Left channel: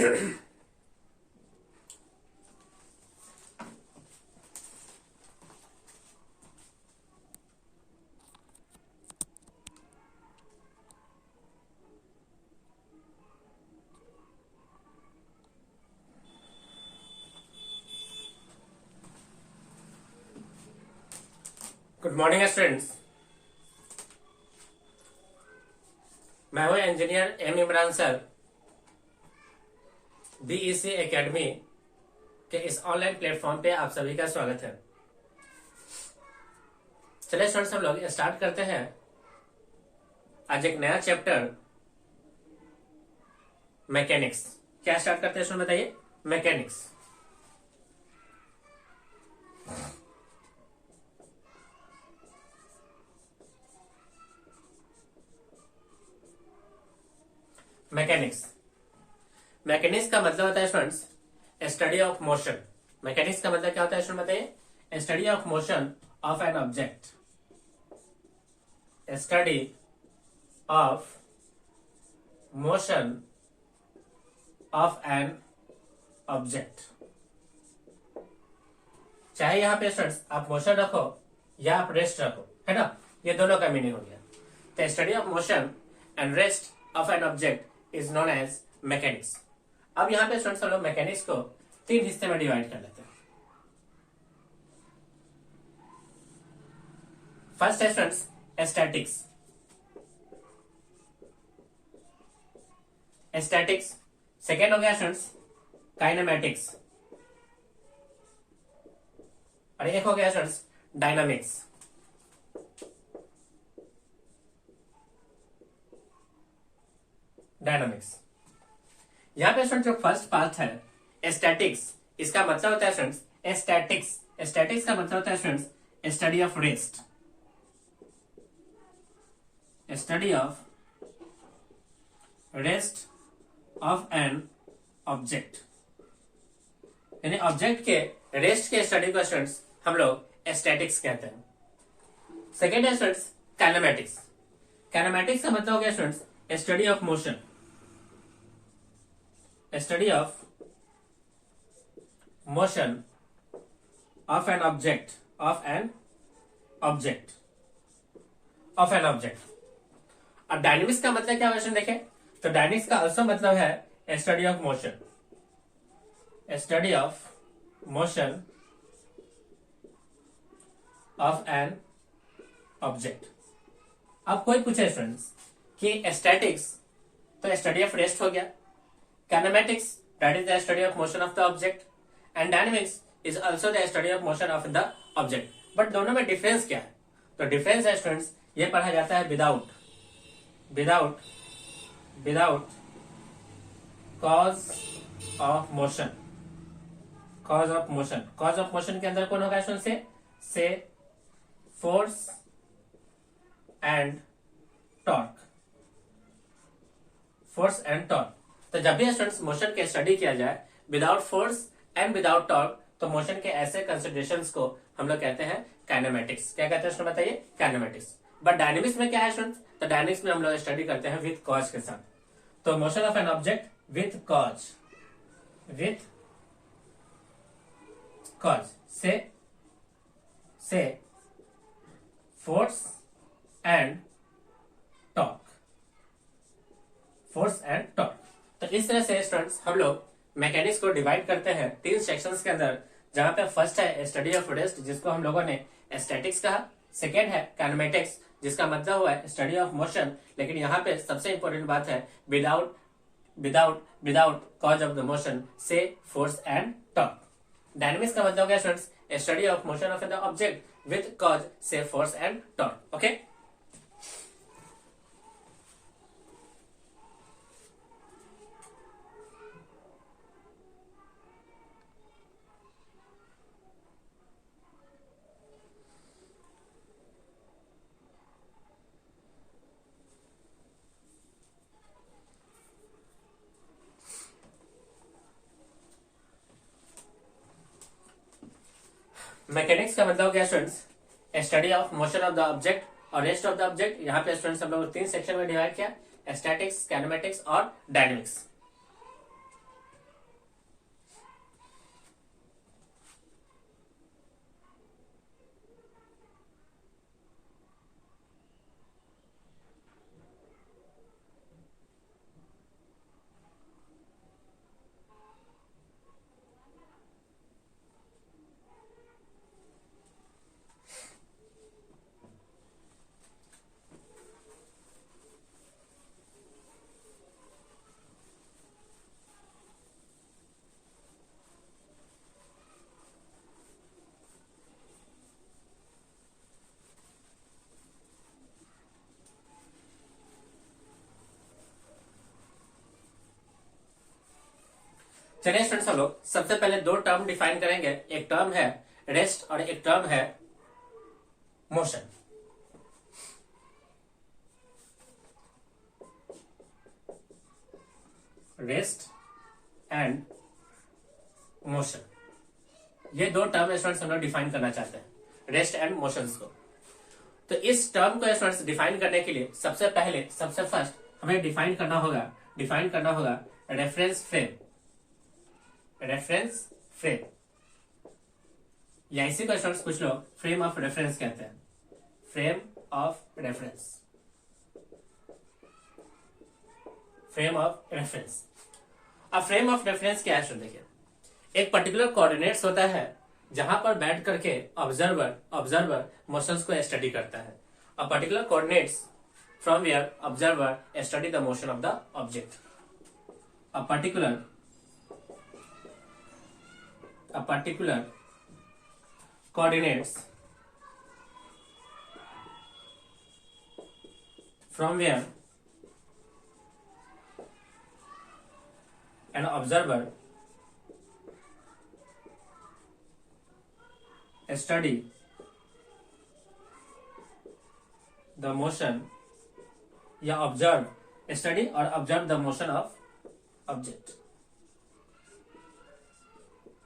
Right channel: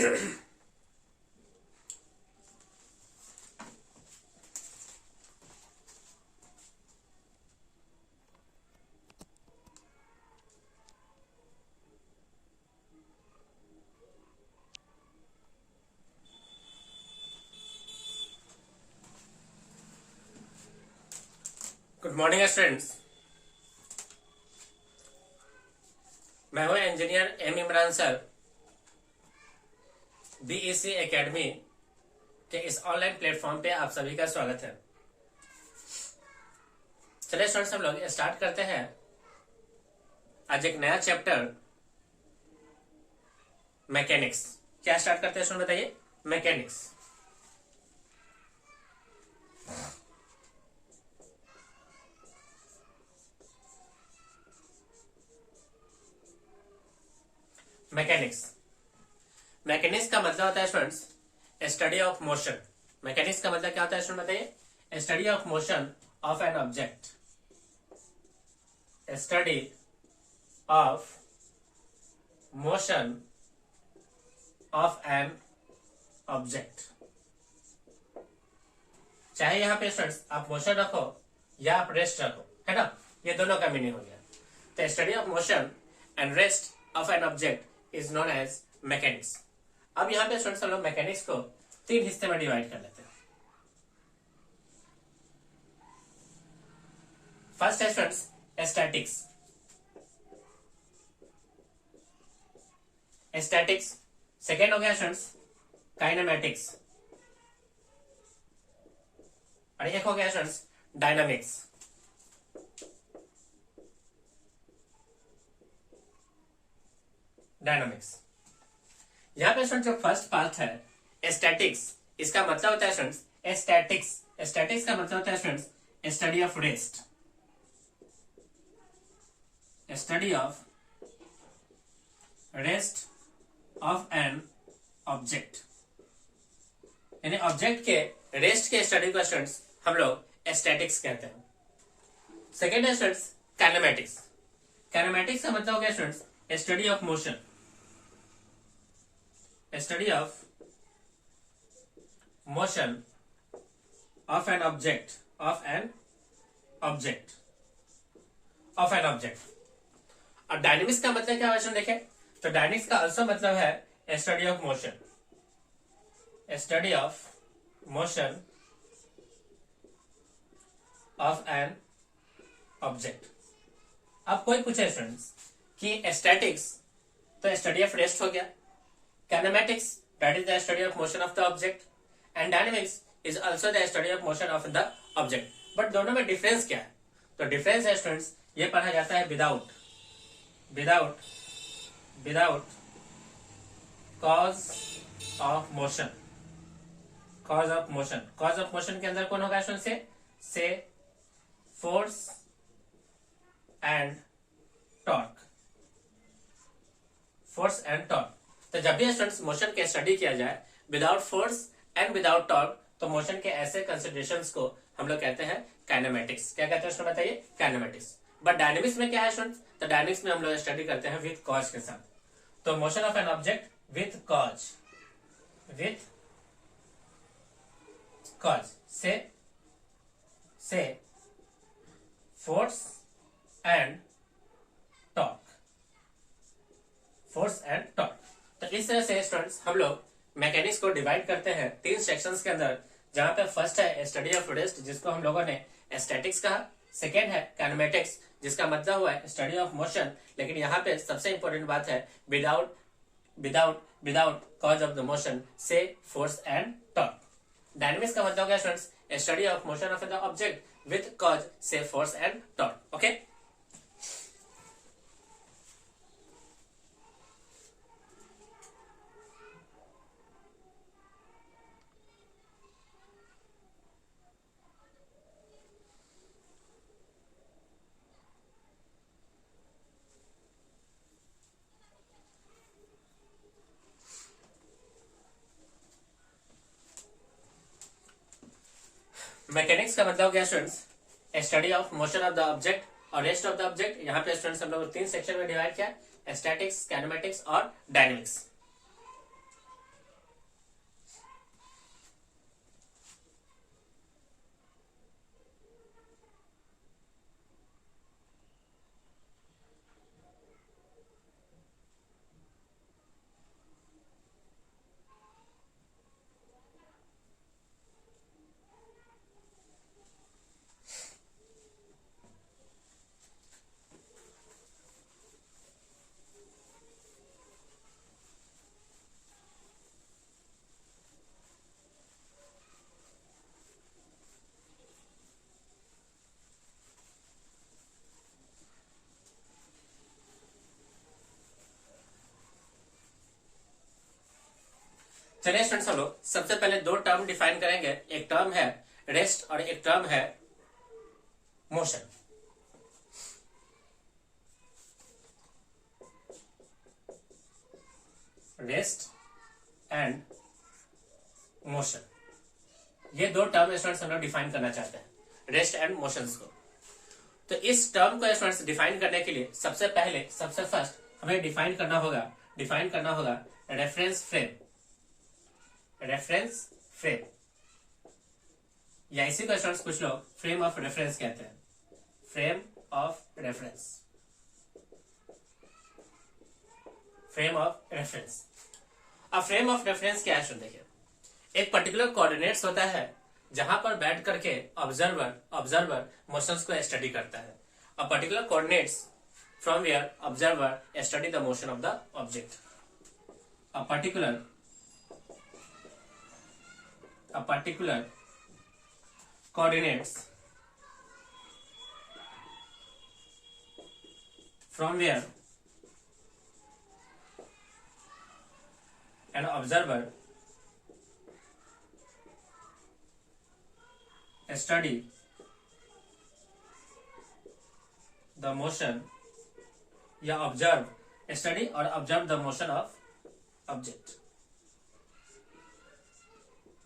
Good morning students. मैं हूं engineer M Imran sir, BEC academy के इस ऑनलाइन प्लेटफॉर्म पे आप सभी का स्वागत है। चलिए स्टूडेंट्स, हम लोग स्टार्ट करते हैं आज एक नया चैप्टर मैकेनिक्स। क्या स्टार्ट करते हैं स्टूडेंट, बताइए। मैकेनिक्स। मैकेनिक्स मैकेनिक्स का मतलब होता है students study of motion. Mechanics का मतलब क्या होता है स्टूडेंट, बताइए। Study of motion of an object. Study of motion of an object. चाहे यहां पे स्टूडेंट्स आप मोशन रखो या आप रेस्ट रखो, है ना, ये दोनों का मीनिंग हो गया। तो study of motion and rest of an object is known as mechanics. अब यहां पे स्टूडेंट्स हम लोग मैकेनिक्स को तीन हिस्से में डिवाइड कर लेते हैं। फर्स्ट है स्टूडेंट्स स्टैटिक्स। स्टैटिक्स। सेकेंड हो गया स्टूडेंट्स काइनेमैटिक्स, और एक हो गया स्टूडेंट्स डायनामिक्स। डायनामिक्स। यहां पे स्टूडेंट जो फर्स्ट पार्ट है स्टैटिक्स, इसका मतलब होता है स्टूडेंट्स स्टैटिक्स। स्टैटिक्स का मतलब होता है students study of rest. Study of rest of an object, यानी ऑब्जेक्ट के रेस्ट के स्टडी को स्टूडेंट्स हम लोग स्टैटिक्स कहते हैं। सेकेंड है स्टूडेंट्स काइनेमैटिक्स। काइनेमैटिक्स का मतलब हो गया students study of motion. Study of motion of an object of an object of an object. और डायनेमिक्स का मतलब क्या है देखें, तो डायनेमिक्स का also मतलब है study of motion. Study of motion of an object. अब कोई पूछे स्टूडेंट्स कि स्टैटिक्स तो स्टडी ऑफ रेस्ट हो गया, kinematics that is the study of motion of the object, and dynamics is also the study of motion of the object. But दोनों में difference क्या है? तो डिफरेंस है स्टूडेंट्स ये पढ़ा जाता है without cause of motion. Cause of motion, cause of motion के अंदर कौन होगा स्टूडेंट? से force and torque. Force and torque. तो जब भी स्टूडेंट्स मोशन के स्टडी किया जाए without force and without torque, तो मोशन के ऐसे कंसिडरेशंस को हम लोग कहते हैं काइनेमैटिक्स। क्या कहते हैं स्टूडेंट, बताइए? काइनेमैटिक्स। बट डायनेमिक्स में क्या है स्टूडेंट्स? तो डायनेमिक्स में हम लोग स्टडी करते हैं विथ कॉज के साथ। तो motion of an object with cause, say force and torque. Force and torque. तो इस तरह से स्टूडेंट्स हम लोग मैकेनिक्स को डिवाइड करते हैं तीन सेक्शंस के अंदर, जहां पे फर्स्ट है स्टडी ऑफ रेस्ट, जिसको हम लोगों ने स्टैटिक्स कहा। सेकेंड है काइनेमैटिक्स, जिसका मतलब हुआ है स्टडी ऑफ मोशन, लेकिन यहाँ पे सबसे इंपॉर्टेंट बात है without cause of the motion, say force and torque. Dynamics का मतलब हो गया students study of motion of the object with cause, say force and torque. Okay. Mechanics का मतलब क्या students study of motion of the object और rest of the object. यहाँ पे स्टूडेंट्स हम लोग तीन सेक्शन में डिवाइड किया, स्टैटिक्स, काइनेमैटिक्स और डायनेमिक्स। चलिए स्टूडेंट्स, हम लोग सबसे पहले दो टर्म डिफाइन करेंगे। एक टर्म है रेस्ट और एक टर्म है मोशन। रेस्ट एंड मोशन, ये दो टर्म स्टूडेंट्स हम लोग डिफाइन करना चाहते हैं, रेस्ट एंड मोशंस को। तो इस टर्म को स्टूडेंट्स डिफाइन करने के लिए सबसे फर्स्ट हमें डिफाइन करना होगा रेफरेंस फ्रेम, या इसी को स्टूडेंट्स कुछ लोग फ्रेम ऑफ रेफरेंस कहते हैं। फ्रेम ऑफ रेफरेंस, अब फ्रेम ऑफ रेफरेंस क्या है? देखिए, एक पर्टिकुलर कोऑर्डिनेट्स होता है जहां पर बैठ करके ऑब्जर्वर मोशंस को स्टडी करता है। A particular coordinates from where observer study the motion of the object. A particular coordinates from where an observer study the motion या study or observe the motion of object,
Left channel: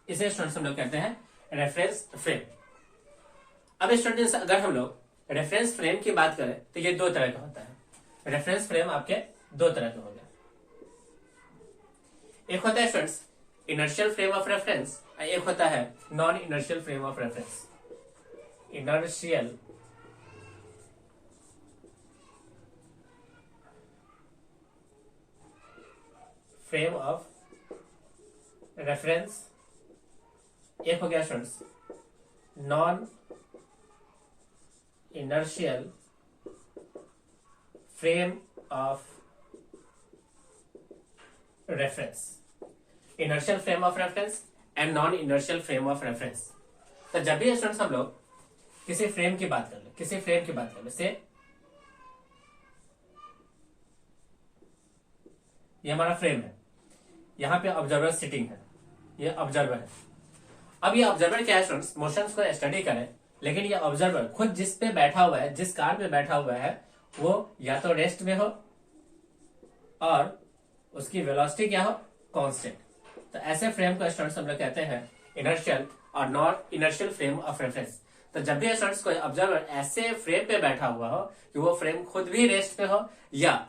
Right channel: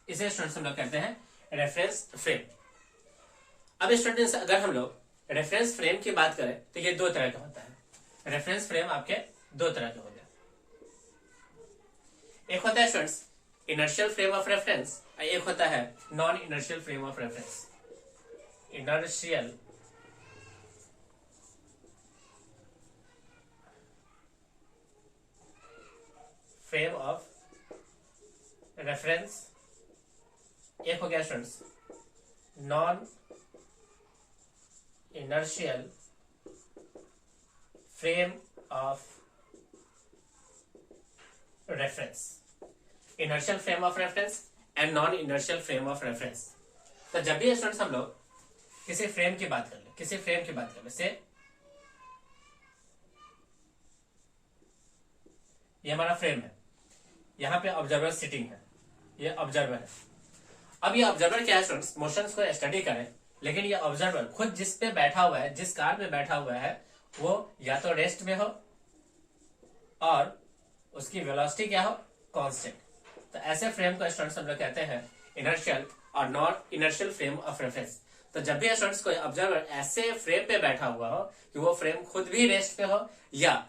इसे students हम लोग कहते हैं reference frame. अब students, अगर हम लोग रेफरेंस फ्रेम की बात करें तो ये दो तरह का होता है। रेफरेंस फ्रेम आपके दो तरह के हो गए। एक होता है students inertial frame of reference, और एक होता है non inertial frame of reference. Inertial frame of reference, एक हो गया students non inertial frame of reference. Inertial frame of reference and non inertial frame of reference. तो जब भी स्टूडेंट्स हम लोग किसी फ्रेम की बात कर ले, से ये हमारा फ्रेम है, यहां पे ऑब्जर्वर सिटिंग है, ये ऑब्जर्वर है। अब ये ऑब्जर्वर क्या है स्टूडेंट्स, मोशंस को स्टडी करें, लेकिन ये ऑब्जर्वर खुद जिस पे बैठा हुआ है, जिस कार पे बैठा हुआ है, वो या तो रेस्ट में हो और उसकी वेलोसिटी क्या हो, कांस्टेंट। तो ऐसे फ्रेम को स्टूडेंट्स हम लोग कहते हैं इनर्शियल और non inertial frame of reference. तो जब भी स्टूडेंट्स कोई ऑब्जर्वर ऐसे फ्रेम पे बैठा हुआ हो कि वो फ्रेम खुद भी रेस्ट पे हो या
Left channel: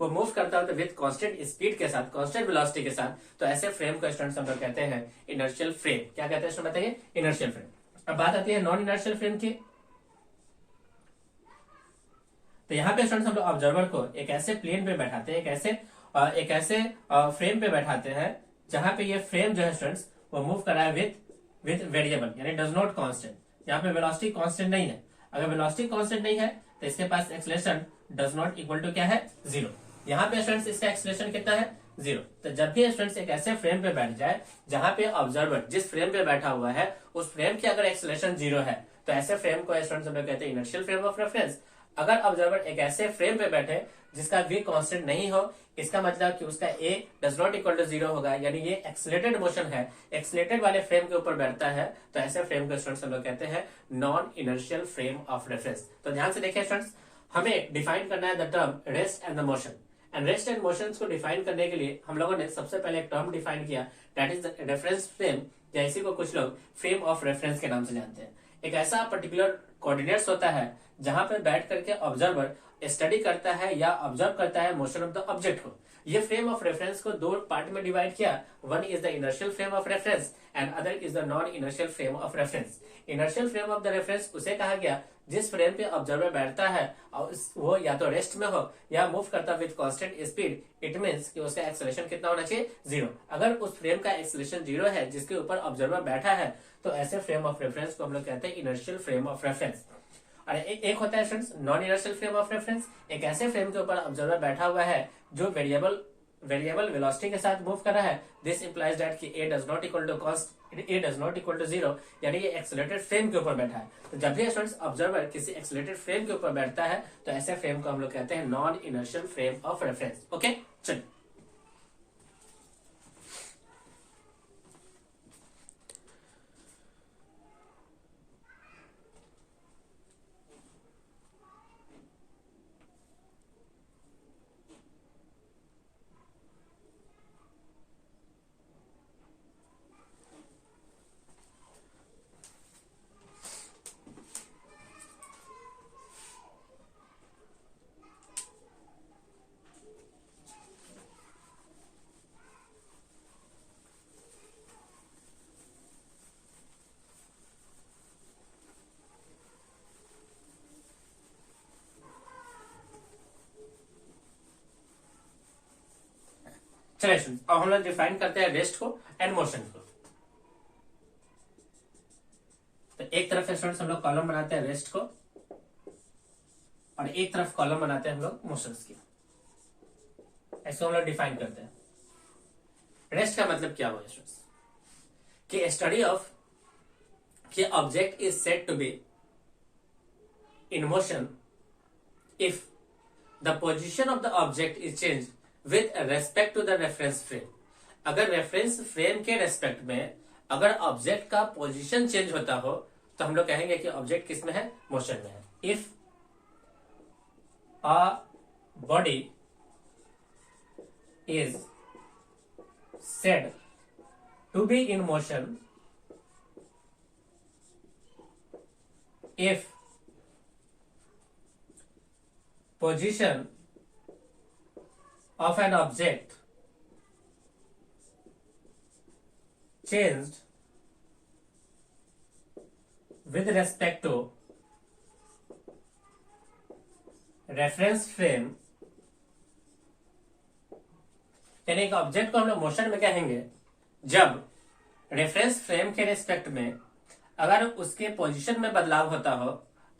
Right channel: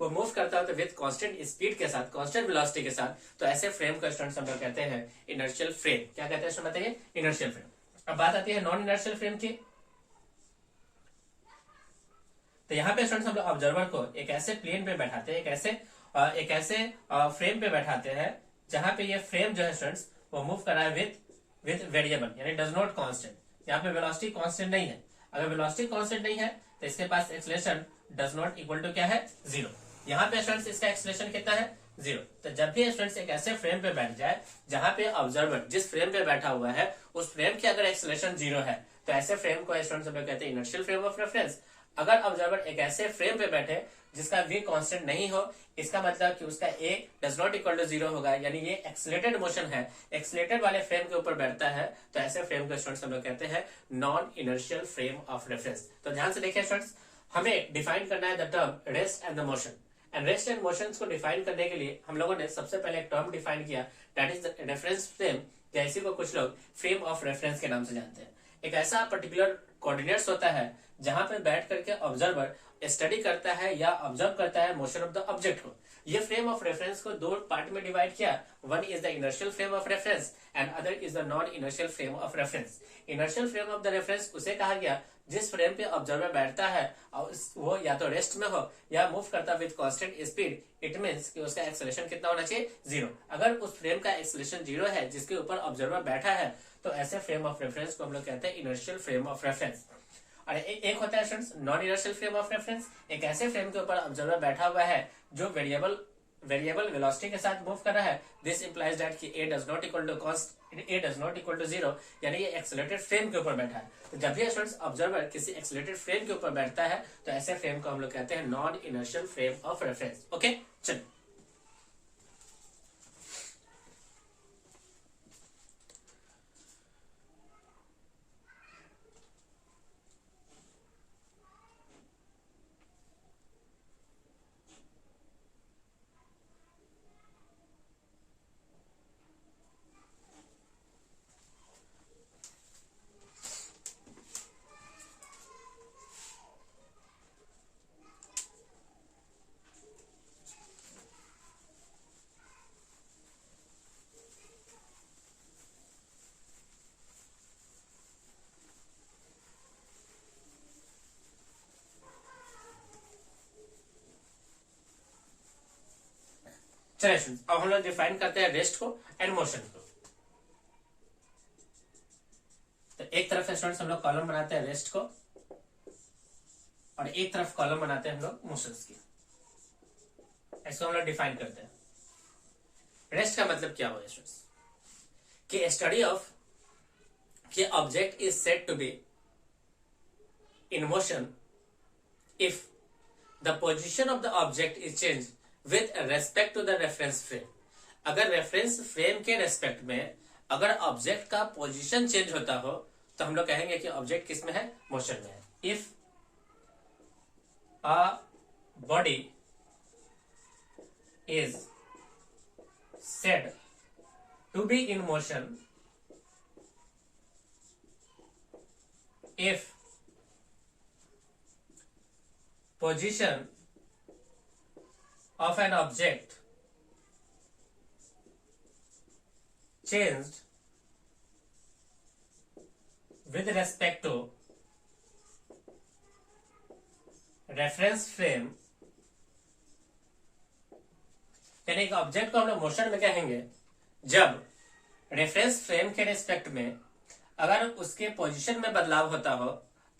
वो मूव करता हो तो विद कांस्टेंट स्पीड के साथ, कांस्टेंट वेलोसिटी के साथ, तो ऐसे फ्रेम को स्टूडेंट्स हम लोग कहते हैं इनर्शियल फ्रेम। क्या कहते हैं बताइए? Inertial frame. अब बात आती है नॉन इनर्शियल फ्रेम की। तो यहाँ पे स्टूडेंट्स हम लोग ऑब्जर्वर को एक ऐसे प्लेन पे बैठाते हैं, एक ऐसे फ्रेम पे बैठाते हैं जहां पे ये फ्रेम जो है स्टूडेंट्स वो मूव कर रहा है विद वेरिएबल, यानी डज नॉट कांस्टेंट। यहाँ पे वेलोसिटी कांस्टेंट नहीं है। अगर वेलोसिटी कांस्टेंट नहीं है तो इसके पास acceleration does not equal to क्या है, 0। यहाँ पे स्टूडेंट्स इसका एक्सेलरेशन कितना है, 0। तो जब भी स्टूडेंट्स एक ऐसे फ्रेम पे बैठ जाए जहां पे ऑब्जर्वर जिस फ्रेम पे बैठा हुआ है उस फ्रेम की अगर एक्सेलरेशन 0 है, तो ऐसे फ्रेम को स्टूडेंट्स हम लोग कहते हैं इनर्शियल फ्रेम ऑफ रेफरेंस। अगर ऑब्जर्वर एक ऐसे फ्रेम पे बैठे जिसका v कांस्टेंट नहीं हो, इसका मतलब कि उसका a does not equal to 0 होगा, यानी ये एक्सेलरेटेड मोशन है, एक्सेलरेटेड वाले फ्रेम के ऊपर बैठता है, तो ऐसे फ्रेम को स्टूडेंट्स हम लोग कहते हैं non inertial frame of reference. तो ध्यान से देखिए स्टूडेंट्स, हमें डिफाइन करना है the term rest and the motion. And rest and motion को डिफाइन करने के लिए हम लोगों ने सबसे पहले एक टर्म डिफाइन किया, that is the reference frame, या इसी को कुछ लोग फ्रेम ऑफ रेफरेंस के नाम से जानते हैं। एक ऐसा पर्टिकुलर कोऑर्डिनेट्स होता है जहां पर बैठ करके ऑब्जर्वर स्टडी करता है या ऑब्जर्व करता है मोशन ऑफ द ऑब्जेक्ट को। ये फ्रेम ऑफ रेफरेंस को दो पार्ट में डिवाइड किया, one is the inertial frame of reference and other is the non inertial frame of reference. Inertial frame of the reference उसे कहा गया जिस फ्रेम पे ऑब्जर्वर बैठता है और वो या तो रेस्ट में हो या मूव करता with constant speed. It means कि उसका एक्सेलरेशन कितना होना चाहिए, 0। अगर उस फ्रेम का एक्सेलरेशन 0 है जिसके ऊपर ऑब्जर्वर बैठा है, तो ऐसे फ्रेम ऑफ रेफरेंस को हम लोग कहते हैं इनर्शियल फ्रेम ऑफ रेफरेंस। और एक होता है students non inertial frame of reference, एक ऐसे फ्रेम के ऊपर ऑब्जर्वर बैठा हुआ है जो वेरिएबल वेलोसिटी के साथ मूव कर रहा है। दिस इंप्लाइज दैट कि a does not equal to 0, यानी ये एक्सेलरेटेड फ्रेम के ऊपर बैठा है। तो जब भी स्टूडेंट्स ऑब्जर्वर किसी एक्सेलरेटेड फ्रेम के ऊपर बैठता है तो ऐसे फ्रेम को हम लोग कहते हैं non inertial frame of reference. Okay, चलिए चलिए स्टूडेंट्स, अब हम लोग डिफाइन करते हैं रेस्ट को एंड मोशन को। तो एक तरफ स्टूडेंट्स हम लोग कॉलम बनाते हैं रेस्ट को, और एक तरफ कॉलम बनाते हैं हम लोग मोशंस की। ऐसे हम लोग डिफाइन करते हैं। रेस्ट का मतलब क्या हुआ स्टूडेंट्स, कि स्टडी ऑफ कि object is said to be in motion if the position of the object is changed with respect to the reference frame। अगर रेफरेंस फ्रेम के रेस्पेक्ट में अगर ऑब्जेक्ट का पोजीशन चेंज होता हो तो हम लोग कहेंगे कि ऑब्जेक्ट किस में है, मोशन में है। If a body is said to be in motion if position of an object changed with respect to reference frame, यानी एक ऑब्जेक्ट को हम लोग मोशन में कहेंगे जब रेफरेंस फ्रेम के रिस्पेक्ट में अगर उसके पोजीशन में बदलाव होता हो,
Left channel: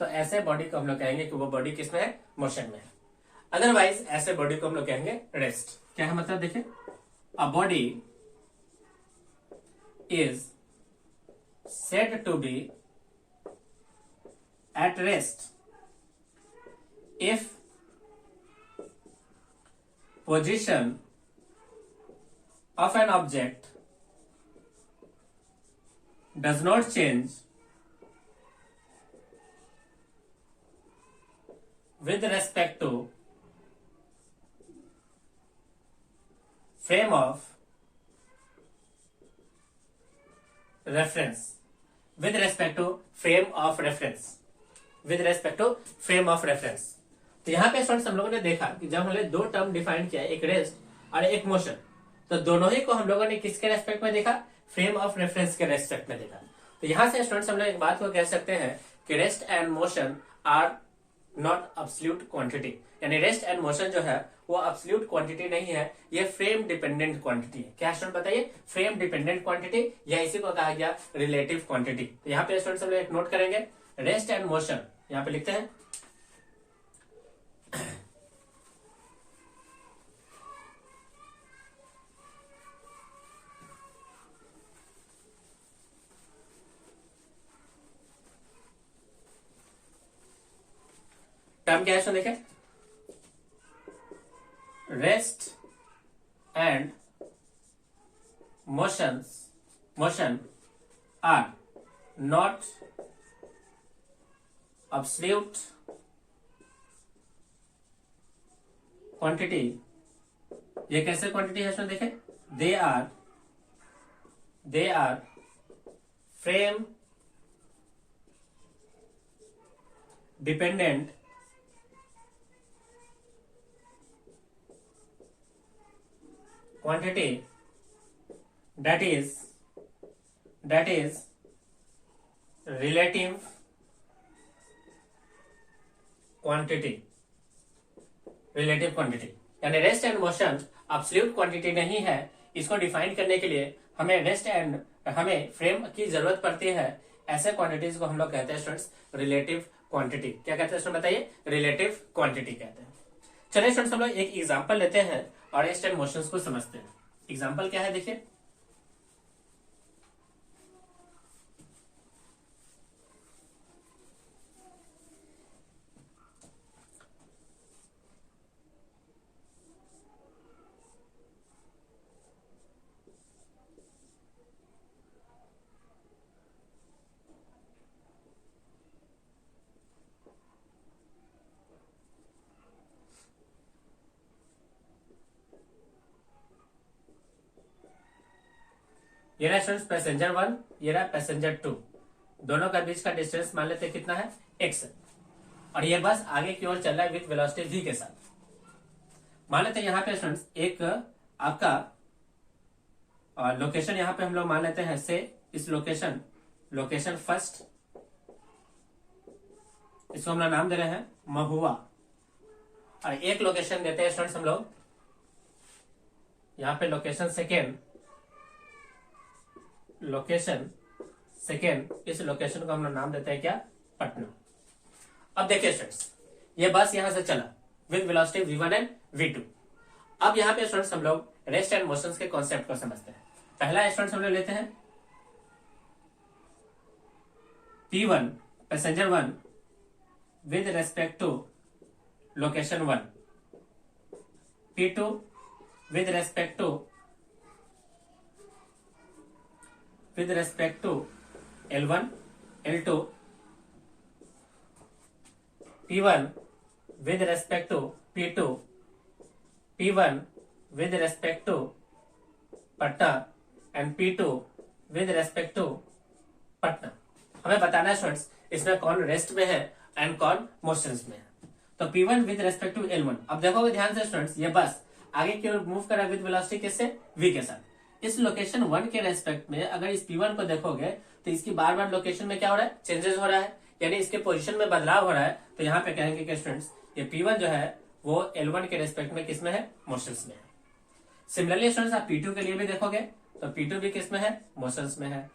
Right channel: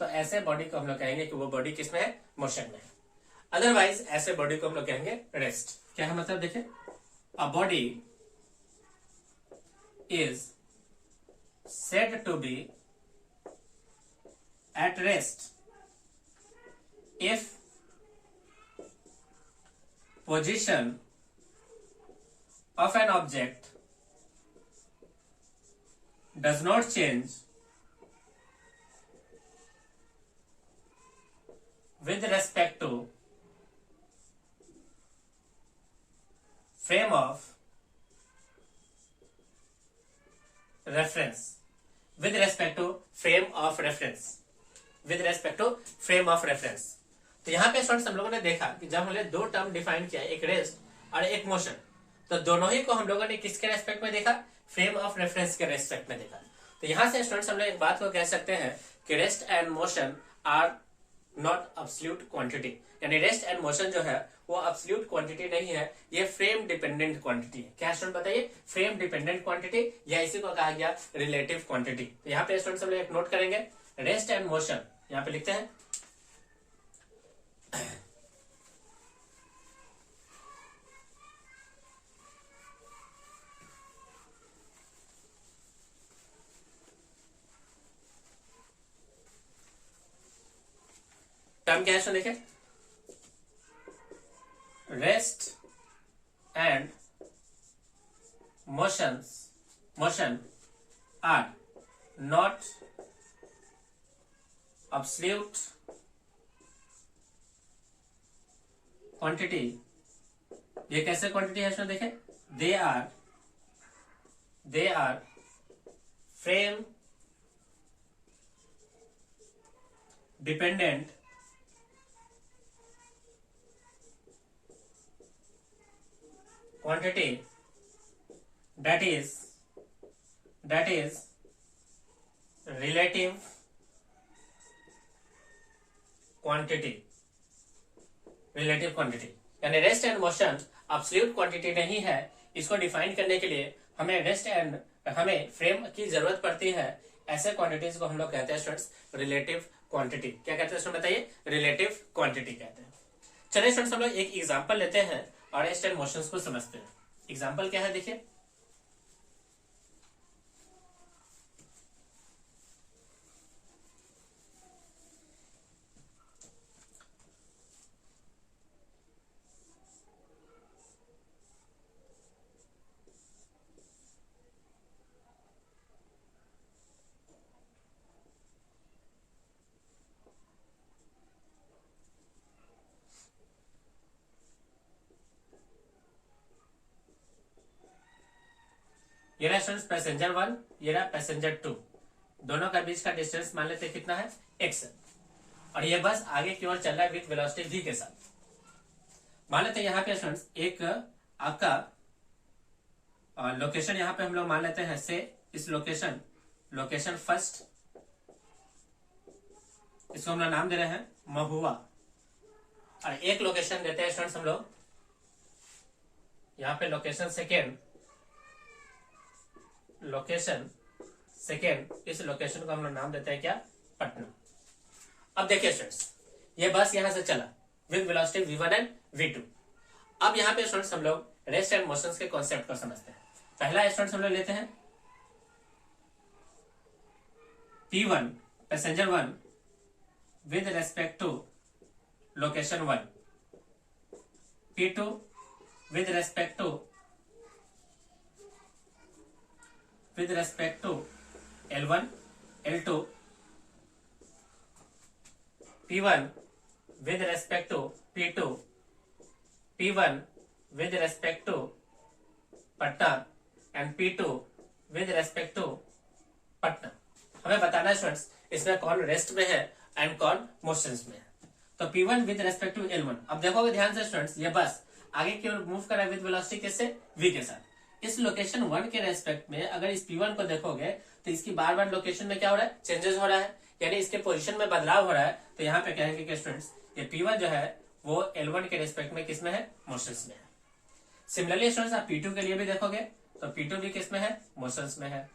तो ऐसे बॉडी को हम लोग कहेंगे कि वो बॉडी किसमें है, मोशन में है। अदरवाइज ऐसे बॉडी को हम लोग कहेंगे रेस्ट। क्या है मतलब, देखिए, a body is said to be at rest if position of an object does not change with respect to frame of reference, with respect to frame of reference, with respect to frame of reference। तो यहाँ पे students हम लोगों ने देखा कि जब हमने दो टर्म डिफाइन किया, एक रेस्ट और एक मोशन, तो दोनों ही को हम लोगों ने किसके रेस्पेक्ट में देखा, फ्रेम ऑफ रेफरेंस के रेस्पेक्ट में देखा। तो यहाँ से स्टूडेंट्स हम लोग एक बात को कह सकते हैं कि rest and motion are not absolute quantity, यानी रेस्ट एंड मोशन जो है वो अब्सोल्यूट क्वांटिटी नहीं है, ये फ्रेम डिपेंडेंट क्वांटिटी है। क्या स्टूडेंट बताइए, फ्रेम डिपेंडेंट क्वांटिटी, या इसी को कहा गया रिलेटिव क्वांटिटी। तो यहाँ पे स्टूडेंट्स हम लोग एक नोट करेंगे, रेस्ट एंड मोशन यहाँ पे लिखते हैं टर्म क्या है, सुन देखिए, rest and motion are not absolute quantity. ये कैसे क्वांटिटी है इसमें देखें, they are frame dependent quantity that is relative quantity, यानी rest and motion absolute quantity नहीं है। इसको डिफाइन करने के लिए हमें फ्रेम की जरूरत पड़ती है। ऐसे क्वांटिटीज को हम लोग कहते हैं स्टूडेंट्स रिलेटिव क्वांटिटी। क्या कहते हैं स्टूडेंट बताइए, रिलेटिव क्वांटिटी कहते हैं। चलिए स्टूडेंट्स हम लोग एक एग्जांपल लेते हैं और रेस्ट एंड मोशंस को समझते हैं। एग्जांपल क्या है देखिए, ये रहा स्टूडेंट्स पैसेंजर 1, ये रहा पैसेंजर 2, दोनों का बीच का डिस्टेंस मान लेते कितना है, x, और ये बस आगे की ओर चल रहा है विथ वेलोसिटी v के साथ। मान लेते हैं यहाँ पे स्टूडेंट्स एक आपका लोकेशन यहाँ पे हम लोग मान लेते हैं से इस लोकेशन फर्स्ट, इसको हम लोग नाम दे रहे हैं महुआ, और एक लोकेशन देते हैं स्टूडेंट्स हम लोग यहाँ पे लोकेशन सेकेंड, इस लोकेशन को हम लोग नाम देते हैं क्या, पटना। अब देखिए स्टूडेंट्स, ये बस यहां से चला with velocity v1 and v2। अब यहाँ पे स्टूडेंट्स हम लोग रेस्ट एंड मोशंस के कॉन्सेप्ट को समझते हैं। पहला स्टूडेंट्स हम लोग लेते हैं P1 passenger 1 with respect to location 1, P2 with respect to L1, L2, P1 with respect to P2, P1 with respect to Patna and P2 with respect to Patna. हमें बताना है स्टूडेंट्स इसमें कौन रेस्ट में है एंड कौन मोशंस में है। तो P1 with respect to L1, अब देखोगे ध्यान से स्टूडेंट्स, ये बस आगे की ओर मूव कर रहा है विद वेलोसिटी किससे, v के साथ। इस लोकेशन 1 के रेस्पेक्ट में अगर इस P1 को देखोगे तो इसकी बार बार लोकेशन में क्या हो रहा है, चेंजेस हो रहा है, यानी इसके पोजीशन में बदलाव हो रहा है। तो यहाँ पे कहेंगे कि स्टूडेंट्स ये P1 जो है वो L1 के रेस्पेक्ट में किसमें है, मोशंस में है। सिमिलरली स्टूडेंट्स आप P2 के लिए भी देखोगे तो P2 भी किसमें है, मोशंस में है।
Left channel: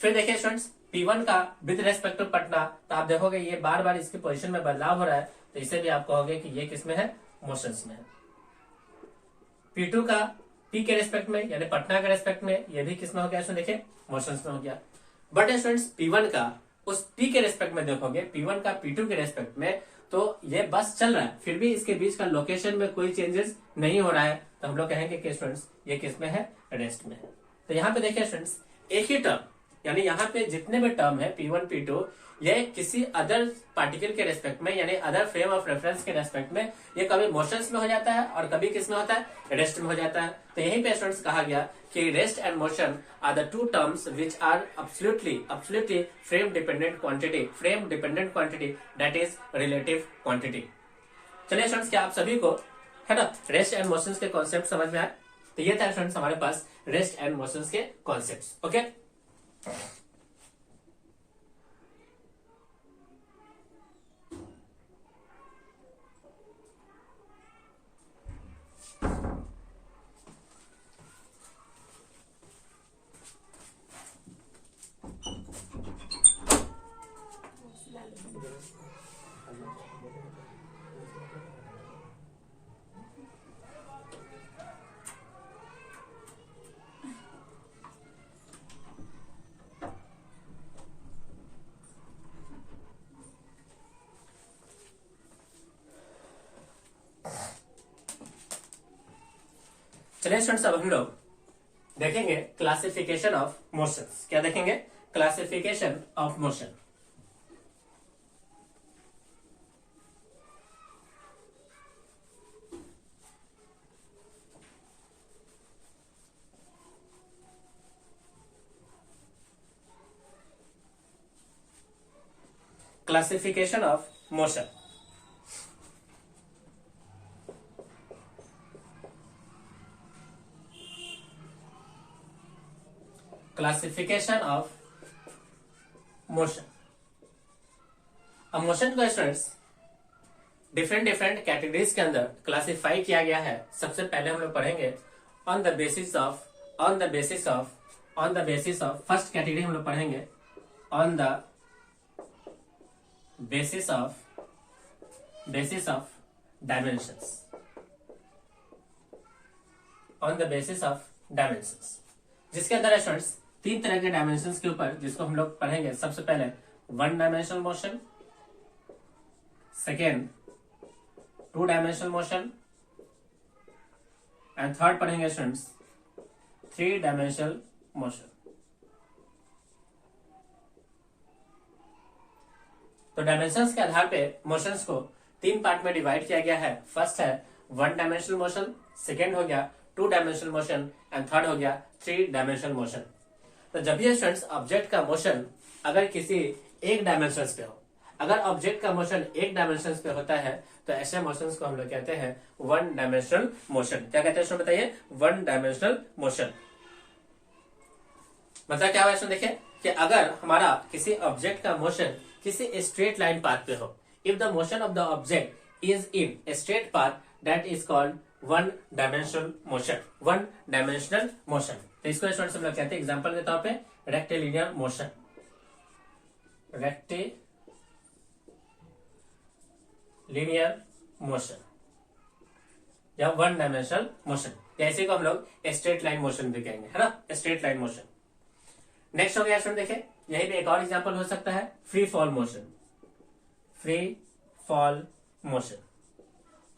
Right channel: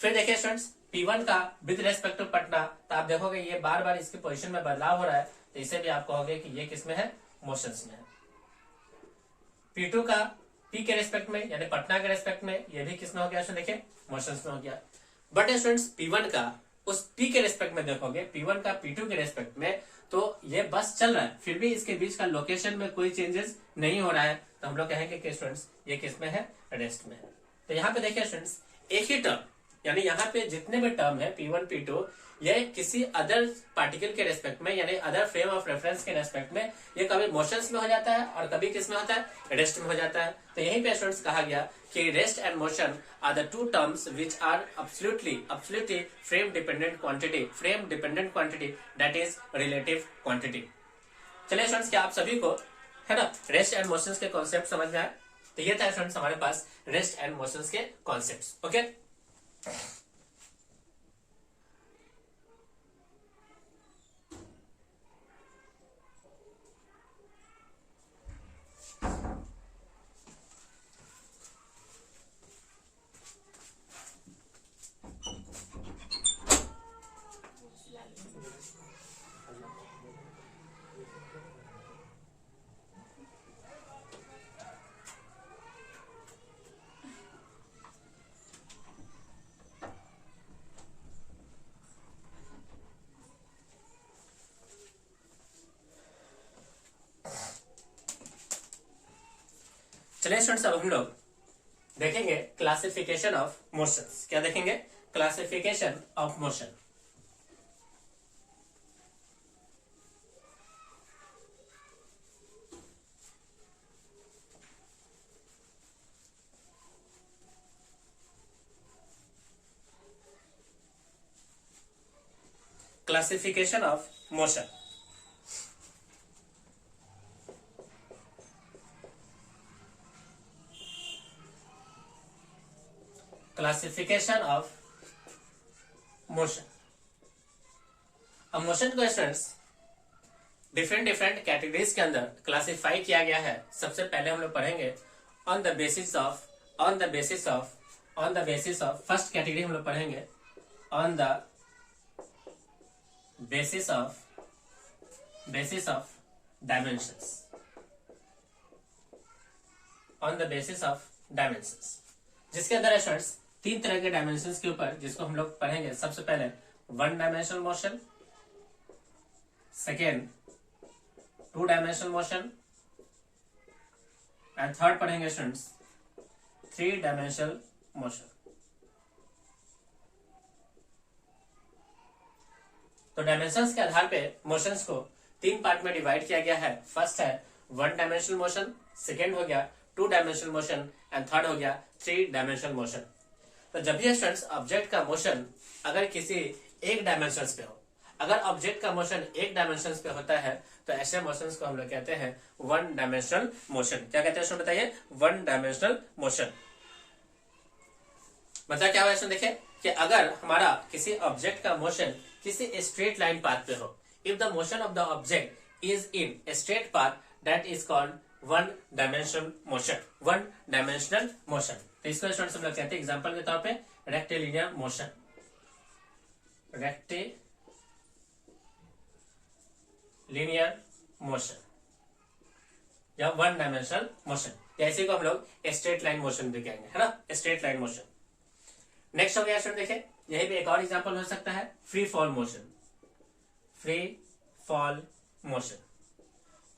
फिर देखिए स्टूडेंट्स P1 का विद रेस्पेक्ट टू पटना, तो आप देखोगे ये बार बार इसके पोजीशन में बदलाव हो रहा है, तो इसे भी आप कहोगे कि ये किसमें है, मोशंस में है। P2 का P के रेस्पेक्ट में यानी पटना के रेस्पेक्ट में, ये भी किसमें हो गया, सो देखिए मोशंस में हो गया। बट स्टूडेंट्स P1 का उस P के रेस्पेक्ट में देखोगे, P1 का P2 के रेस्पेक्ट में, तो ये बस चल रहा है, फिर भी इसके बीच का लोकेशन में कोई चेंजेस नहीं हो रहा है, तो हम लोग कहेंगे कि स्टूडेंट्स ये किसमें है, रेस्ट में है। तो यहाँ पे देखिए स्टूडेंट्स एक ही टर्म, यानी यहाँ पे जितने भी टर्म है P1 P2, ये किसी अदर पार्टिकल के रेस्पेक्ट में यानी अदर फ्रेम ऑफ रेफरेंस के रेस्पेक्ट में ये कभी मोशंस में हो जाता है और कभी किस में होता है, रेस्ट में हो जाता है। तो यहीं पे स्टूडेंट्स कहा गया कि rest and motion are the two terms which are absolutely frame dependent quantity that is relative quantity. चलिए स्टूडेंट्स, क्या आप सभी को है ना रेस्ट एंड मोशंस के कॉन्सेप्ट समझ में आए? तो ये था स्टूडेंट्स हमारे पास रेस्ट एंड मोशंस के कॉन्सेप्ट्स। ओके, चलिए स्टूडेंट्स अब हम लोग देखेंगे क्लासिफिकेशन ऑफ मोशंस। क्या देखेंगे? Classification of motion. Classification of motion. Classification of motion. अब मोशन को स्टूडेंट्स डिफरेंट कैटेगरीज के अंदर क्लासिफाई किया गया है। सबसे पहले हम लोग पढ़ेंगे on the basis of first category हम लोग पढ़ेंगे on the basis of dimensions. On the basis of dimensions, जिसके अंदर स्टूडेंट्स 3 तरह के डायमेंशंस के ऊपर, जिसको हम लोग पढ़ेंगे। सबसे पहले 1 dimensional motion, second 2 dimensional motion and third पढ़ेंगे स्टूडेंट्स 3 डायमेंशनल मोशन। तो डायमेंशंस के आधार पे मोशंस को 3 पार्ट में डिवाइड किया गया है। फर्स्ट है 1 डायमेंशनल मोशन, सेकेंड हो गया 2 डायमेंशनल मोशन एंड थर्ड हो गया 3 डायमेंशनल मोशन। तो जब भी स्टूडेंट्स ऑब्जेक्ट का मोशन अगर किसी एक डायमेंशन पे हो, अगर ऑब्जेक्ट का मोशन एक डायमेंशन पे होता है, तो ऐसे मोशंस को हम लोग कहते हैं 1 डायमेंशनल मोशन। क्या कहते हैं स्टूडेंट बताइए? 1 डायमेंशनल मोशन। मतलब क्या हुआ? देखिए कि अगर हमारा किसी ऑब्जेक्ट का मोशन किसी स्ट्रेट लाइन पाथ पे हो, if the motion of the object is in straight path, that is called one dimensional motion, one dimensional motion. तो इसको स्टूडेंट्स हम लोग कहते हैं एग्जांपल के तौर पे रेक्टिलिनियर मोशन, रेक्टिलिनियर मोशन या वन डायमेंशनल मोशन, जैसे को हम लोग स्ट्रेट लाइन मोशन भी कहेंगे, है ना, स्ट्रेट लाइन मोशन। नेक्स्ट हो गया स्टूडेंट देखिए, यही पे एक और एग्जांपल हो सकता है free fall motion, free fall motion.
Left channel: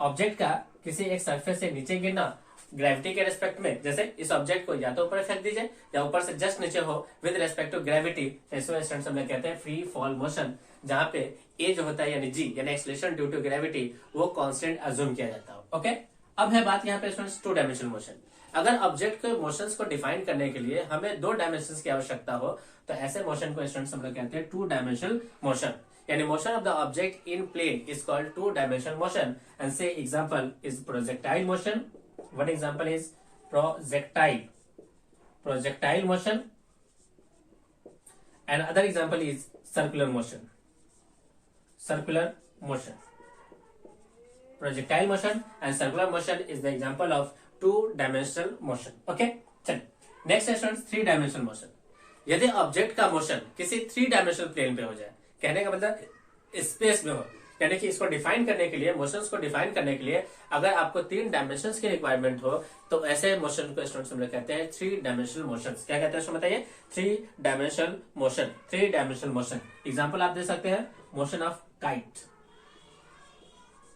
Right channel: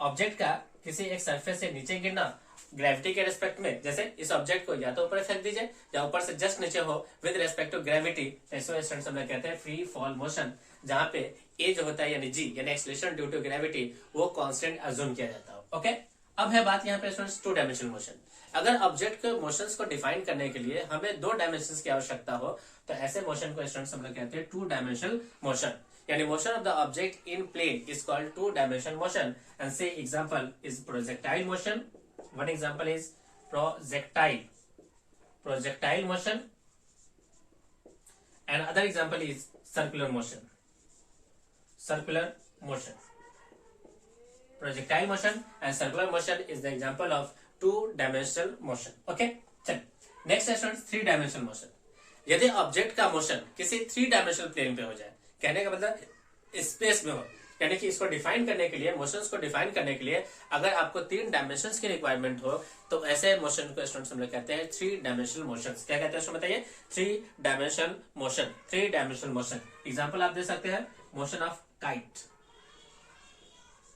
Object का किसी एक सरफेस से नीचे गिरना ग्रेविटी के रेस्पेक्ट में, जैसे इस ऑब्जेक्ट को या तो ऊपर फेंक दीजिए या ऊपर से जस्ट नीचे हो विद रेस्पेक्ट टू ग्रेविटी, तो इसको स्टूडेंट्स हम लोग कहते हैं फ्री फॉल मोशन, जहां पे ए जो होता है यानी जी यानी एक्सेलरेशन ड्यू टू ग्रेविटी वो कांस्टेंट अज्यूम किया जाता है। ओके, अब है बात यहाँ पे स्टूडेंट्स टू डायमेंशनल मोशन। अगर ऑब्जेक्ट के मोशंस को डिफाइन करने के लिए हमें दो डायमेंशंस की आवश्यकता हो तो ऐसे मोशन को स्टूडेंट्स हम लोग कहते हैं टू डायमेंशनल मोशन, यानी motion of the object in plane is called two dimensional motion. And say example is projectile motion, one example is projectile motion and other example is circular motion, circular motion. Projectile motion and circular motion is the example of two-dimensional motion. Okay, चलिए next है students three dimensional motion. यदि object का motion किसी three dimensional plane पे हो जाए, कहने का मतलब स्पेस में हो, यानी कि इसको डिफाइन करने के लिए, मोशंस को डिफाइन करने के लिए अगर आपको तीन डायमेंशंस की रिक्वायरमेंट हो तो ऐसे मोशन को स्टूडेंट्स हम लोग कहते हैं थ्री डायमेंशनल मोशन। क्या कहते हैं उसको बताइए, three dimensional motion, three dimensional motion. Example आप दे सकते हैं motion of kite,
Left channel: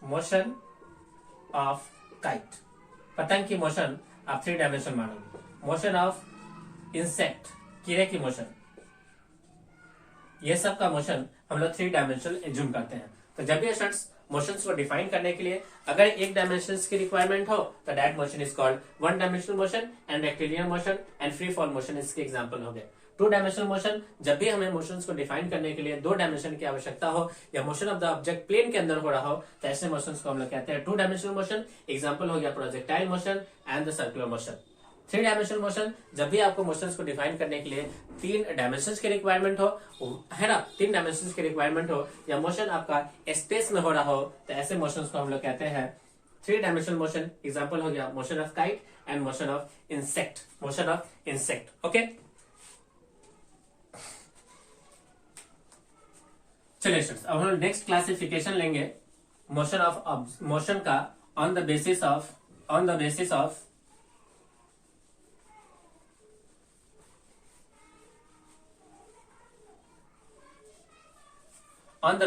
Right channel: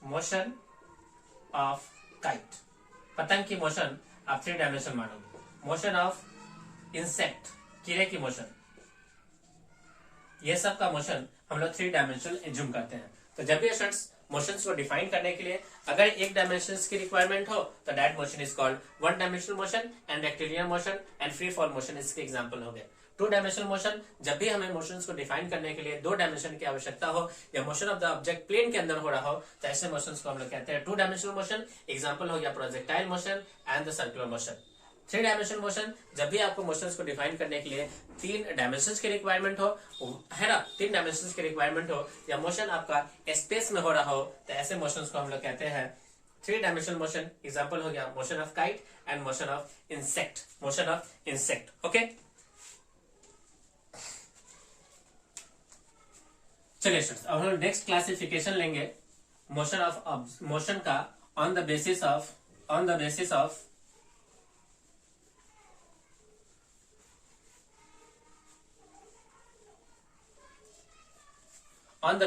motion of kite, पतंग की मोशन आप थ्री डायमेंशनल मानोगे। मोशन ऑफ इंसेक्ट, कीड़े की मोशन, ये सब का मोशन हम लोग थ्री डायमेंशनल एज्यूम करते हैं। तो जब भी स्टूडेंट्स मोशंस को डिफाइन करने के लिए अगर एक डायमेंशंस की रिक्वायरमेंट हो तो that motion is called one dimensional motion and rectilinear motion and free fall motion इसके एग्जांपल हो गए। टू डायमेंशनल मोशन, जब भी हमें मोशंस को डिफाइन करने के लिए दो डायमेंशन की आवश्यकता हो या motion of the object plane के अंदर हो रहा हो तो ऐसे मोशंस को हम लोग कहते हैं टू डायमेंशनल मोशन। एग्जांपल हो गया projectile motion and the circular motion. Three dimensional motion, जब भी आपको मोशंस को डिफाइन करने के लिए तीन डायमेंशंस की रिक्वायरमेंट हो, है ना, तीन डायमेंशंस की रिक्वायरमेंट हो या मोशन आपका स्पेस में हो रहा हो तो ऐसे मोशंस को हम लोग कहते हैं थ्री डायमेंशनल मोशन। एग्जांपल हो गया motion of kite and motion of insect, motion of insect. Okay, चलिए अब हम नेक्स्ट क्लासिफिकेशन लेंगे मोशन ऑफ मोशन का on the basis of on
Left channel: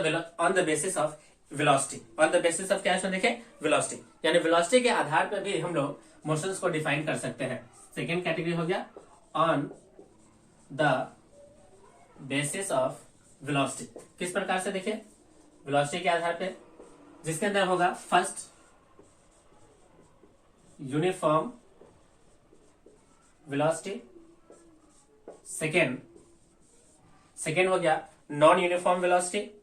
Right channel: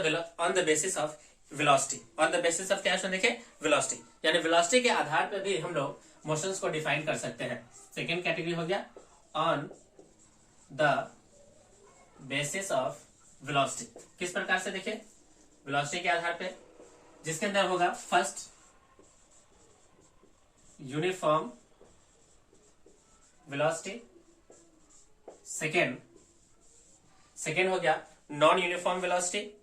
the basis of velocity। on the basis of क्या है देखें, velocity, यानी velocity के आधार पर भी हम लोग मोशंस को डिफाइन कर सकते हैं। सेकेंड कैटेगरी हो गया on the basis of velocity। किस प्रकार से देखें, velocity के आधार पे, जिसके अंदर होगा फर्स्ट यूनिफॉर्म वेलोसिटी, सेकेंड हो गया non uniform velocity,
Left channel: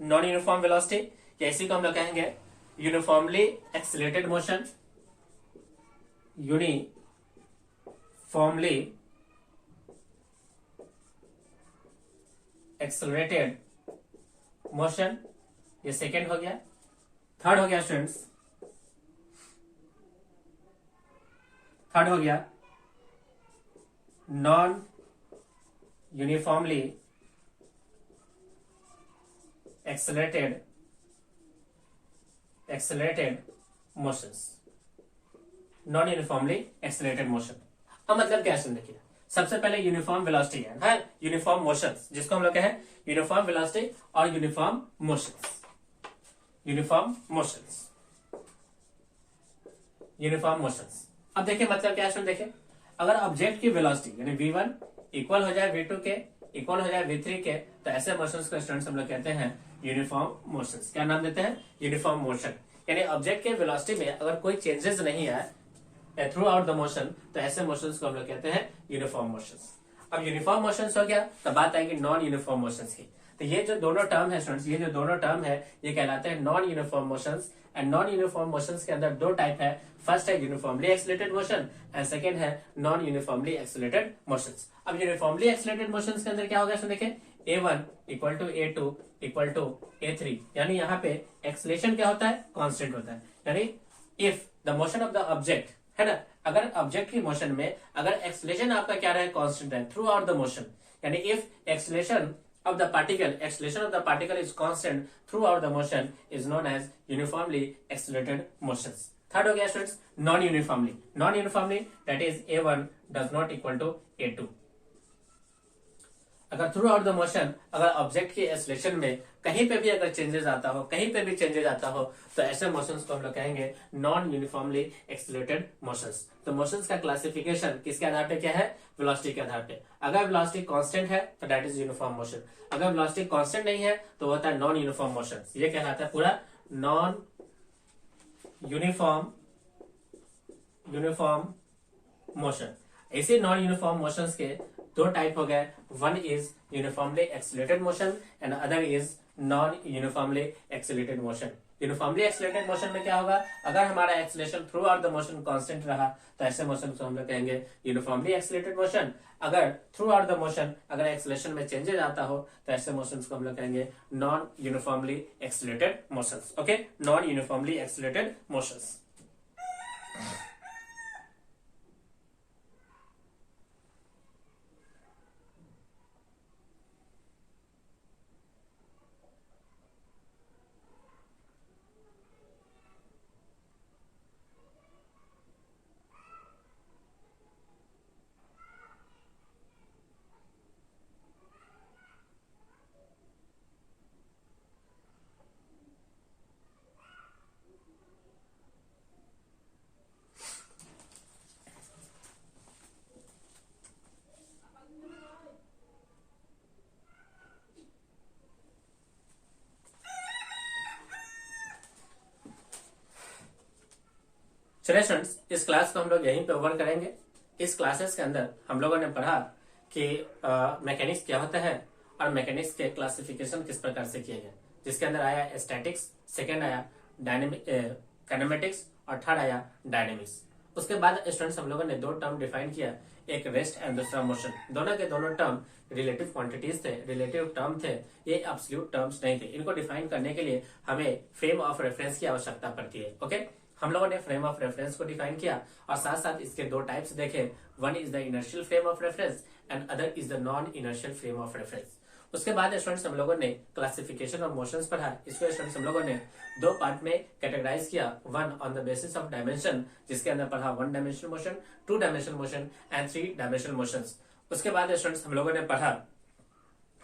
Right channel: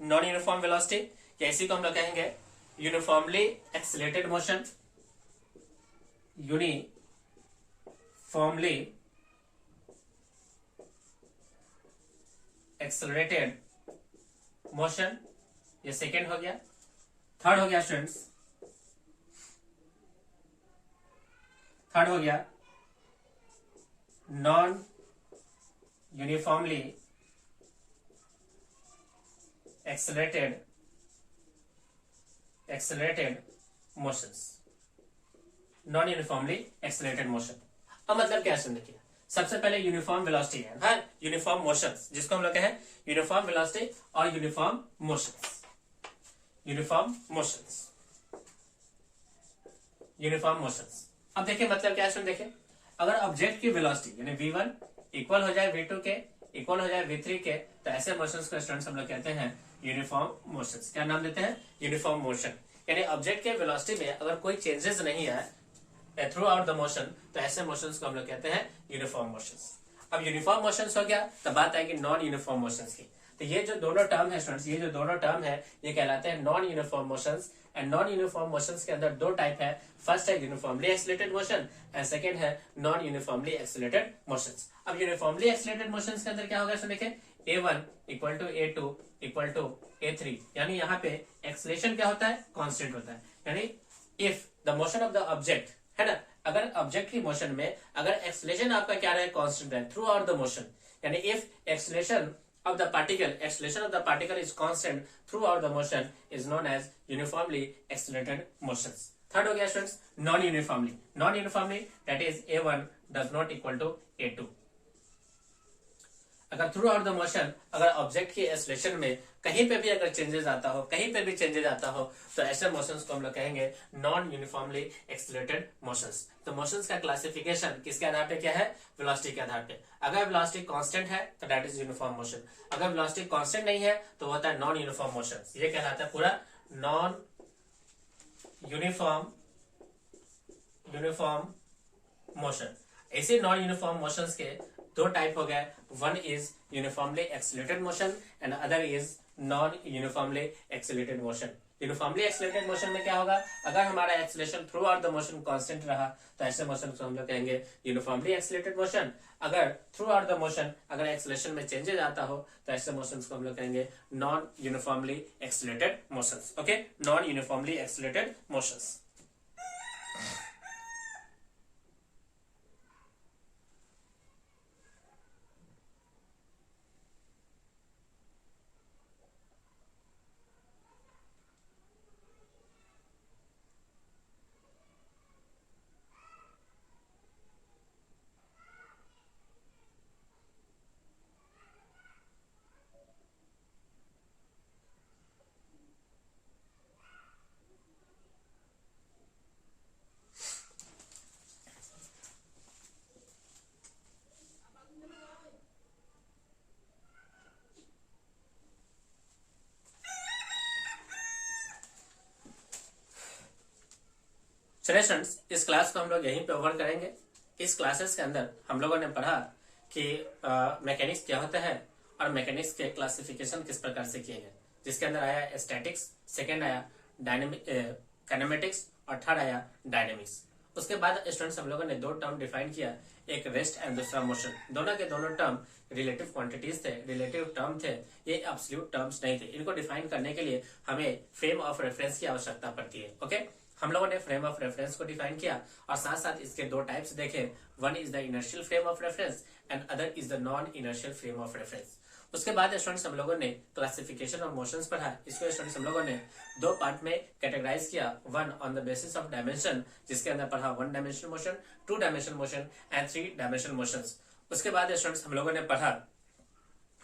non uniform velocity या इसी को हम लोग कहेंगे uniformly accelerated motion, uniformly accelerated motion, ये सेकेंड हो गया। थर्ड हो गया स्टूडेंट्स, थर्ड हो गया non uniformly accelerated motions, non uniformly accelerated motion. अब मतलब क्या है देखिए, सबसे पहले यूनिफॉर्म वेलोसिटी है यूनिफॉर्म मोशंस, जिसको हम लोग कहें यूनिफॉर्म वेलोसिटी और uniform motions, uniform motions, uniform motions. अब देखिए मतलब क्या है, देखिए अगर ऑब्जेक्ट की वेलोसिटी यानी v1 इक्वल हो जाए v2 के, इक्वल हो जाए v3 के, तो ऐसे मोशंस को स्टूडेंट्स हम लोग कहते हैं यूनिफॉर्म मोशंस। क्या नाम देते हैं, यूनिफॉर्म मोशन। यानी ऑब्जेक्ट के वेलोसिटी में अगर कोई चेंजेस नहीं आए थ्रू आउट द मोशन तो ऐसे मोशंस को हम लोग कहते हैं यूनिफॉर्म मोशंस। अब यूनिफॉर्म मोशंस हो गया तो बात आएगी नॉन यूनिफॉर्म मोशंस की। तो ये जो दोनों टर्म है स्टूडेंट्स, ये जो दोनों टर्म है ये कहलाते हैं non uniform motions. And non uniform motions के अंदर दो टाइप है, फर्स्ट है uniformly accelerated motion and second है नॉन यूनिफॉर्मली एक्सिलेटेड मोशंस। अब यूनिफॉर्मली एक्सिलेटेड मोशंस के अंदर क्या होगा, देखिए a1 equal to a2 equal to a3, यानी यहाँ पे एक्सलेशन क्या होता है, कांस्टेंट होता है। यानी if the motion of the object, है ना, अगर ऑब्जेक्ट की मोशन में अगर एक्सलेशन आपका क्या रहे, कांस्टेंट रहे थ्रू आउट द मोशन, यानी if acceleration of the particle is constant throughout the motion is known as uniformly accelerated motions. Third हो गया students non uniformly that is a1 does not equal to a2। अगर through out the motion अगर object की acceleration में कहीं पे भी अगर चेंजेस आता हो, तो ऐसे मोशंस को हम लोग कहेंगे नॉन यूनिफॉर्मली एक्सलेटेड मोशंस। तो मोशंस का क्लासिफिकेशन किसके आधार पे क्या है, वेलोसिटी के आधार पे। अगर वेलोसिटी कांस्टेंट है तो दैट इज यूनिफॉर्म मोशन, अगर वेलोसिटी कांस्टेंट नहीं है तो होता है नॉन यूनिफॉर्म मोशन। ये कहलाता है पूरा नॉन यूनिफॉर्म मोशन। ऐसे नॉन यूनिफॉर्म मोशंस के दो टाइप हो गए, one is uniformly accelerated motion and other is non uniformly accelerated motion. Uniformly accelerated motion में क्या होगा, अगर हमारा acceleration through out the motion constant रहा तो ऐसे मोशन को हम लोग कहेंगे यूनिफॉर्मली एक्सीलरेटेड मोशन। अगर थ्रू आउट द मोशन अगर एक्सीलरेशन में चेंजेस आता हो तो ऐसे मोशंस को हम लोग कहेंगे non uniformly accelerated motions. Okay, non uniformly accelerated motions. चलिए स्टूडेंट्स, इस क्लास को हम लोग यहीं पे ओवर करेंगे। इस क्लासेस के अंदर हम लोगों ने पढ़ा कि मैकेनिक्स क्या होता है और मैकेनिक्स के क्लासिफिकेशन किस प्रकार से किए गए, जिसके अंदर आया स्टैटिक्स, सेकेंड आया काइनेमेटिक्स और थर्ड आया डायनेमिक्स। उसके बाद स्टूडेंट्स हम लोगों ने दो टर्म डिफाइन किया, एक रेस्ट एंड दूसरा मोशन। दोनों के दोनों टर्म रिलेटिव क्वांटिटीज थे, रिलेटिव टर्म थे, ये एब्सोल्यूट टर्म्स नहीं थे। इनको डिफाइन करने के लिए हमें फ्रेम ऑफ रेफरेंस की आवश्यकता पड़ती है। ओके, हम लोगों ने फ्रेम ऑफ रेफरेंस को डिफाइन किया और साथ साथ इसके दो टाइप्स देखे, one is the inertial frame of reference and other is the non inertial frame of reference. उसके बाद स्टूडेंट्स हम लोगों ने क्लासिफिकेशन ऑफ मोशंस पढ़ा। इसको स्टूडेंट्स हम लोगों ने दो पार्ट में कैटेगराइज किया, one on the basis of dimension, जिसके अंदर पढ़ा one dimensional motion, to dimensional motion and three dimensional motions. उसके बाद स्टूडेंट्स हम लोगों ने पढ़ा,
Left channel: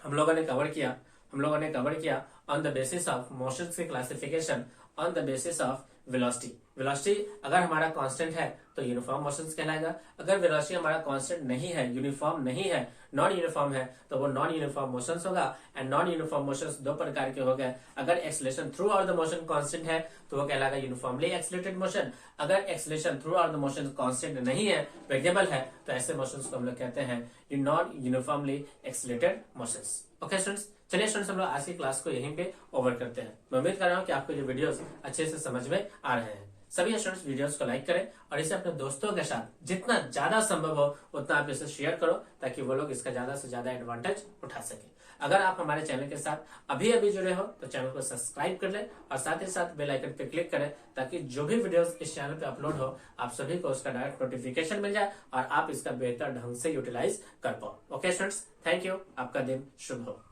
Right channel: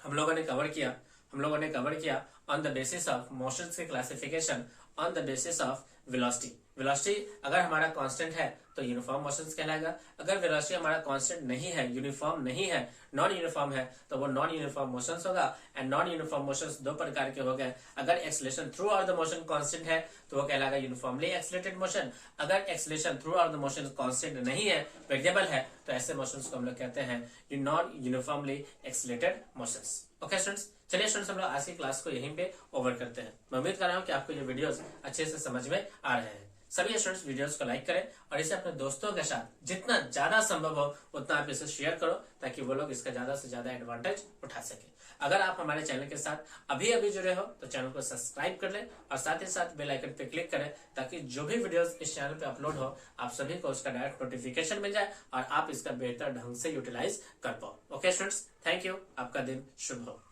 हम लोगों ने कवर किया on the basis of motions के classification on the basis of velocity अगर हमारा कांस्टेंट है तो यूनिफॉर्म मोशंस कहलाएगा, अगर वेलोसिटी हमारा कांस्टेंट नहीं है, यूनिफॉर्म नहीं है, नॉन यूनिफॉर्म है, तो वो नॉन यूनिफॉर्म मोशंस होगा। एंड नॉन यूनिफॉर्म मोशंस दो प्रकार के हो गए, अगर acceleration through out the motion constant है तो वो कहलाएगा यूनिफॉर्मली एक्सीलरेटेड मोशन, अगर acceleration through out the motion constant नहीं है, वेरिएबल है, तो ऐसे मोशंस को हम लोग कहते हैं non uniformly accelerated motions. Okay students, चलिए स्टूडेंट्स हम लोग आज की क्लास को यहीं पे ओवर करते हैं। मैं उम्मीद कर रहा हूँ कि आपको ये वीडियोस अच्छे से समझ में आ रहे हैं। सभी स्टूडेंट्स वीडियोस को लाइक करें और इसे अपने दोस्तों के साथ जितना ज्यादा संभव हो उतना आप इसे शेयर करो, ताकि वो लोग इसका ज्यादा से ज्यादा एडवांटेज उठा सके। अगर आप हमारे चैनल के साथ अभी जुड़े हो तो चैनल को सब्सक्राइब कर लें और साथ ही साथ बेल आइकन पे क्लिक करें, ताकि जो भी वीडियोस इस चैनल पे अपलोड हो आप सभी को उसका डायरेक्ट नोटिफिकेशन मिल जाए और आप इसका बेहतर ढंग से यूटिलाइज कर पाओ। ओके स्टूडेंट्स, थैंक यू, आपका दिन शुभ हो।